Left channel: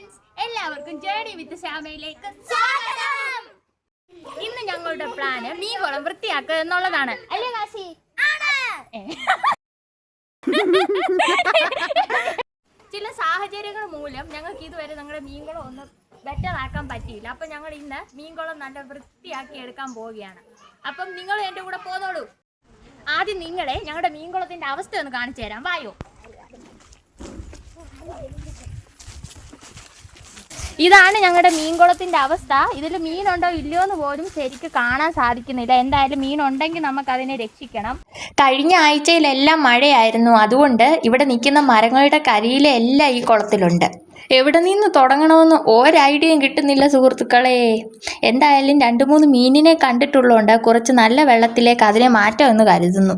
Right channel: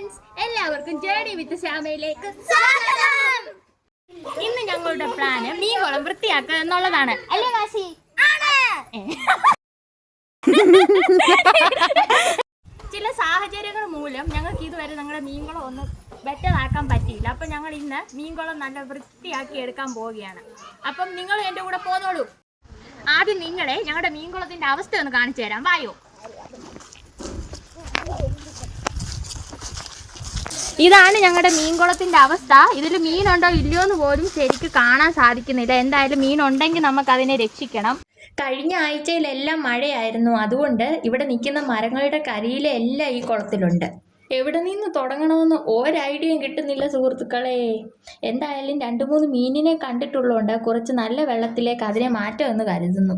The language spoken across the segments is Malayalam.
ഫ്രണ്ട്സ്, എല്ലാവർക്കും ജേർണി വിത്ത് ശ്യാമയിലേക്ക് സ്വാഗതം. ഇന്ന് ഞങ്ങളുടെ പ്ലാന് മീൻകുളം വൃത്തിയാക്കുക എന്നുള്ളതാണ്, അല്ലേ വാശി? ചില സാഹചര്യങ്ങൾ മൂലം ഞങ്ങൾക്ക് ഇതുവരെ ഞങ്ങളുടെ മീൻകുളം ഒന്ന് ബെറ്റർ ആക്കാൻ പറ്റിയില്ല. അപ്പം ഞങ്ങൾ ഇന്ന് മീൻകുളം നല്ല വൃത്തിയാക്കി എടുക്കാൻ പോവുകയാണ്. അപ്പം നിങ്ങൾ എൻ്റെ കൂടെ പോന്നോളൂ. ആദ്യം നിങ്ങളെ ഞങ്ങളുടെ മീൻകുളത്തിന്റെ അവസ്ഥ ഒന്ന് കാണിച്ചു തരാം, വായോ. ഇതാണ് ഞങ്ങളുടെ മീൻകുളത്തിന്റെ അവസ്ഥ. ഇതിൽ മീനുണ്ടോ ഇല്ലയോ എന്ന് പോലും ശരിക്ക് കാണാൻ സാധിക്കുന്നില്ല. എന്തായാലും മീനുണ്ടെങ്കിൽ നമുക്ക് അതിനെ രക്ഷിക്കണം. കഴിഞ്ഞ ആഴ്ചയിലെല്ലാം മഴയായിരുന്നു, അതുകൊണ്ട് ഇവിടെ നിൽക്കുന്ന മരങ്ങളുടെ കരിയിലെല്ലാം ഈ കുളത്തിലുണ്ട്. എവിടെ നിന്ന് തുടങ്ങണമെന്ന് ഒരൈഡിയയും കിട്ടുന്നില്ല സുഹൃത്തുക്കളെ. എന്തായാലും 2-3 മീനിനെ കണ്ടിട്ടുള്ളതുകൊണ്ട് കുറച്ച് നല്ല വെള്ളത്തിലേക്ക് അതിനെ മാറ്റാമെന്ന് കരുതുന്നു.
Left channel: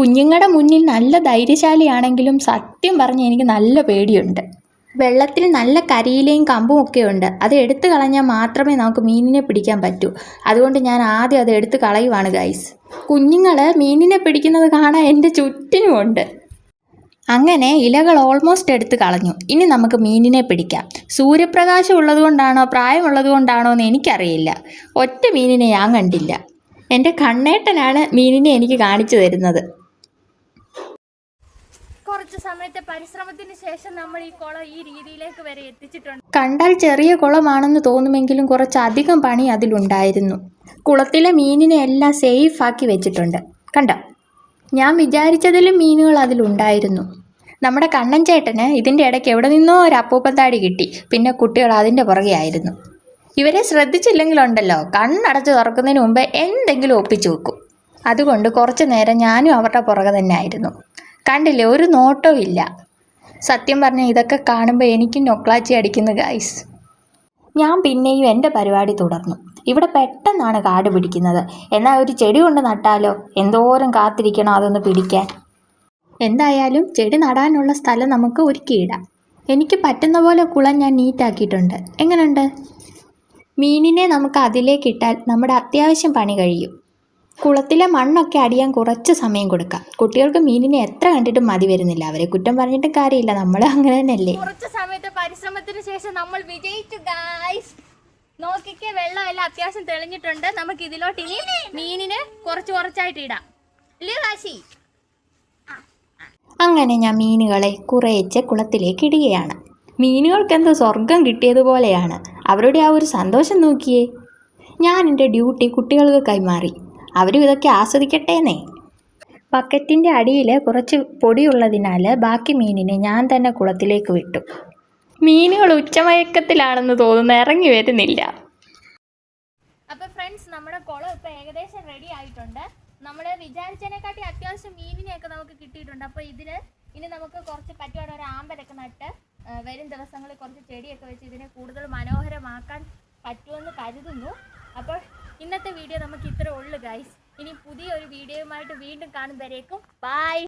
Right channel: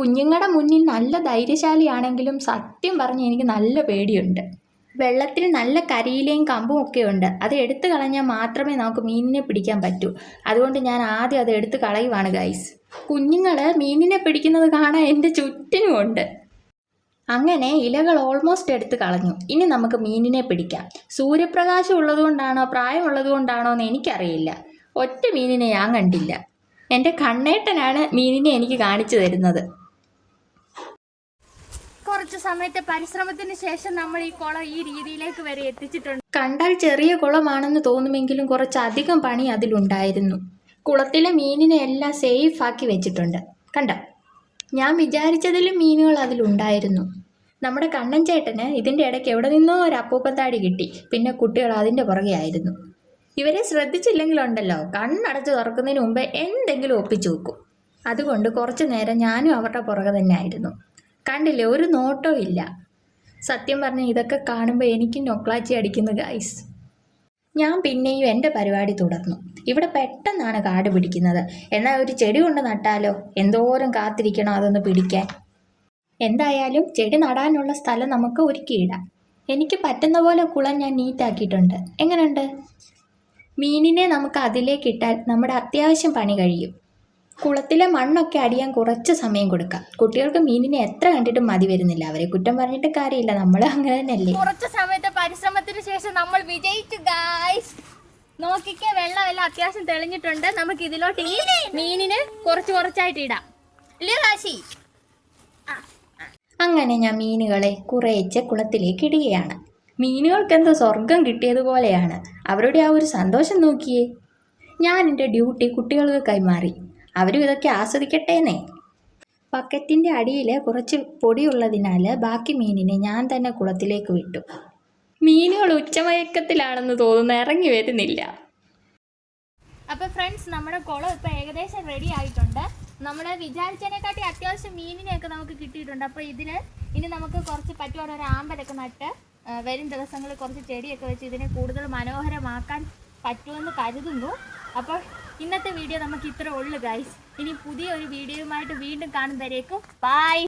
കുഞ്ഞുങ്ങളുടെ മുന്നിൽ നല്ല ധൈര്യശാലിയാണെങ്കിലും സത്യം പറഞ്ഞ് എനിക്ക് നല്ല പേടിയുണ്ട്. വെള്ളത്തിൽ നല്ല കരിയിലയും കമ്പും ഒക്കെ ഉണ്ട്. അത് എടുത്തു കളഞ്ഞാൽ മാത്രമേ നമുക്ക് മീനിനെ പിടിക്കാൻ പറ്റൂ. അതുകൊണ്ട് ഞാൻ ആദ്യം അത് എടുത്ത് കളയുവാണ് ഗൈസ്. കുഞ്ഞുങ്ങൾ മീനിനെ പിടിക്കുന്നത് കാണാൻ എൻ്റെ ചുറ്റിനുമുണ്ട്. അങ്ങനെ ഇലകൾ ഓൾമോസ്റ്റ് എടുത്ത് കളഞ്ഞു. ഇനി നമുക്ക് മീനിനെ പിടിക്കാം. സൂര്യപ്രകാശം ഉള്ളതുകൊണ്ടാണോ പ്രായമുള്ളത് കൊണ്ടാണോ എന്ന് എനിക്കറിയില്ല. ഒറ്റ മീനിനെ ഞാൻ കണ്ടില്ല. എൻ്റെ കണ്ണേട്ടനാണ് മീനിനെ എനിക്ക് കാണിച്ചു തരുന്നത്. കുറച്ച് സമയത്തെ പരിശ്രമത്തിന് ശേഷം നമ്മൾ ഈ കുളം ഈ രീതിയിലേക്ക് വരെ എത്തിച്ചിട്ടുണ്ട്. കണ്ടാൽ ചെറിയ കുളമാണെന്ന് തോന്നുമെങ്കിലും കുറച്ചധികം പണി അതിലുണ്ടായിരുന്നു. കുളത്തിലെ മീനിനെ എല്ലാം സേഫ് ആക്കി വെച്ചിട്ടുണ്ട്. കണ്ടോ, ഞാൻ വിചാരിച്ചതിലും മീനുകൾ അതിലുണ്ടായിരുന്നു. നമ്മുടെ കണ്ണൻ ചേട്ടന് ഇതിൻ്റെ ഇടയ്ക്ക് എവിടെ നിന്നോ ഒരു അപ്പൂപ്പത്താടി കിട്ടി. പിന്നെ കുട്ടികൾ അതിൻ്റെ പുറകെ ആയിരുന്നു. ഇവരെ ശ്രദ്ധിച്ചില്ലെങ്കിലുണ്ടല്ലോ, കണ്ണടച്ച് തുറക്കുന്നതിന് മുമ്പേ എന്തെങ്കിലും ഒപ്പിച്ചു വെക്കും. അതുകൊണ്ട് കുറച്ച് നേരം ഞാനും അവരുടെ പുറകെ തന്നെ ആയിരുന്നു. കണ്ടില്ലേ, ഒരു നോട്ടവും ഇല്ല. സത്യം പറഞ്ഞാൽ ഇതൊക്കെ കാണുമ്പോൾ എനിക്ക് നൊക്ലാച്ചി അടിക്കുന്നു ഗൈസ്. ഞാൻ പിന്നെയും എൻ്റെ പരിപാടി തുടർന്നു. ഇവിടെ പെട്ടെന്നാണ് കാട് പിടിക്കുന്നത്. എന്നാൽ ഒരു ചെടി കൊണ്ട് നട്ടാലോ, എന്തോരം കാത്തിരിക്കണം അതൊന്ന് പിടിക്കാൻ. എന്തായാലും ചെടി നടാനുള്ള സ്ഥലം നമുക്ക് ഒരുക്കിയിടാം. എനിക്ക് പറ്റുന്ന പോലെ കുളം ഞാൻ നീറ്റാക്കിയിട്ടുണ്ട്. എങ്ങനെയുണ്ട്? മീനിനെ നമുക്ക് അതിലേക്ക് ഇട്ടാൽ നമ്മുടെ അത്യാവശ്യം പണി കഴിയും. കുളത്തിലെ മണ്ണൊക്കെ അടിയാൻ കുറച്ച് സമയം കൊടുക്കാം. കുട്ടികൾക്ക് മീനിനെ എത്ര കണ്ടിട്ടും മതി വരുന്നില്ല. അവരെ കുറ്റം പറഞ്ഞിട്ട് കാര്യമില്ല, നമ്മൾ അങ്ങനെ തന്നെയല്ലേ. കുറച്ച് സമയത്തെ പരിശ്രമത്തിന് ശേഷം നമ്മൾ വിജയിച്ചു ഗൈസ്. നോക്കിക്കേ, വെള്ളമെല്ലാം അത്യാവശ്യം തെളിഞ്ഞിട്ടുണ്ട്. നമുക്ക് ഇതിലോട്ട് ഇനി മീനിന് കുറച്ചായിട്ട് ഇടാം, അല്ലേ കാശി? അങ്ങനെ ഞാൻ മീനുകളെ കുറേശ്ശെ കുളത്തിലേക്ക് ഇടുകയാണ്. മീനുകൾക്കെന്തോ സ്വർഗം കിട്ടിയതുപോലെയാണ്. അവരുടെ ആ ഒരു സന്തോഷം നോക്കിയേ. ഞാൻ എൻ്റെ ഡ്യൂട്ടി കുട്ടികൾക്ക് കൈമാറി. അവരും ഇതൊക്കെ ആസ്വദിക്കട്ടേന്നേ. ബക്കറ്റിൻ്റെ അടിയിൽ കുറച്ച് പൊടിയുള്ളതിനാൽ ബാക്കി മീനിനെ ഞാൻ തന്നെ കുളത്തിലേക്ക് വിട്ടു. മീനുകൾ ഉച്ചമയക്കത്തിലാണെന്ന് തോന്നുന്നു, ഇറങ്ങി വരുന്നില്ല. അപ്പോൾ ഫ്രണ്ട്സ്, നമ്മുടെ കുളം ഇപ്പോൾ ഏകദേശം റെഡി ആയിട്ടുണ്ട്. നമ്മൾ വിചാരിച്ചതിനെക്കാട്ടി അത്യാവശ്യം മീനിനെയൊക്കെ നമുക്ക് കിട്ടിയിട്ടുണ്ട്. അപ്പോൾ ഇനി നമുക്ക് കുറച്ച് പറ്റുവാണെങ്കിൽ ഒരു ആമ്പലൊക്കെ നട്ട് വരും ദിവസങ്ങളിൽ കുറച്ച് ചെടിയൊക്കെ വെച്ച് ഇതിനെ കൂടുതൽ മനോഹരമാക്കാൻ പറ്റുമെന്ന് കരുതുന്നു. അപ്പോൾ ഇന്നത്തെ വീഡിയോ നമുക്ക് ഇത്ര ഉള്ളു ഗൈസ്. ഇനി പുതിയൊരു വീഡിയോയുമായിട്ട് വീണ്ടും കാണുന്നവരേക്കും ബൈ.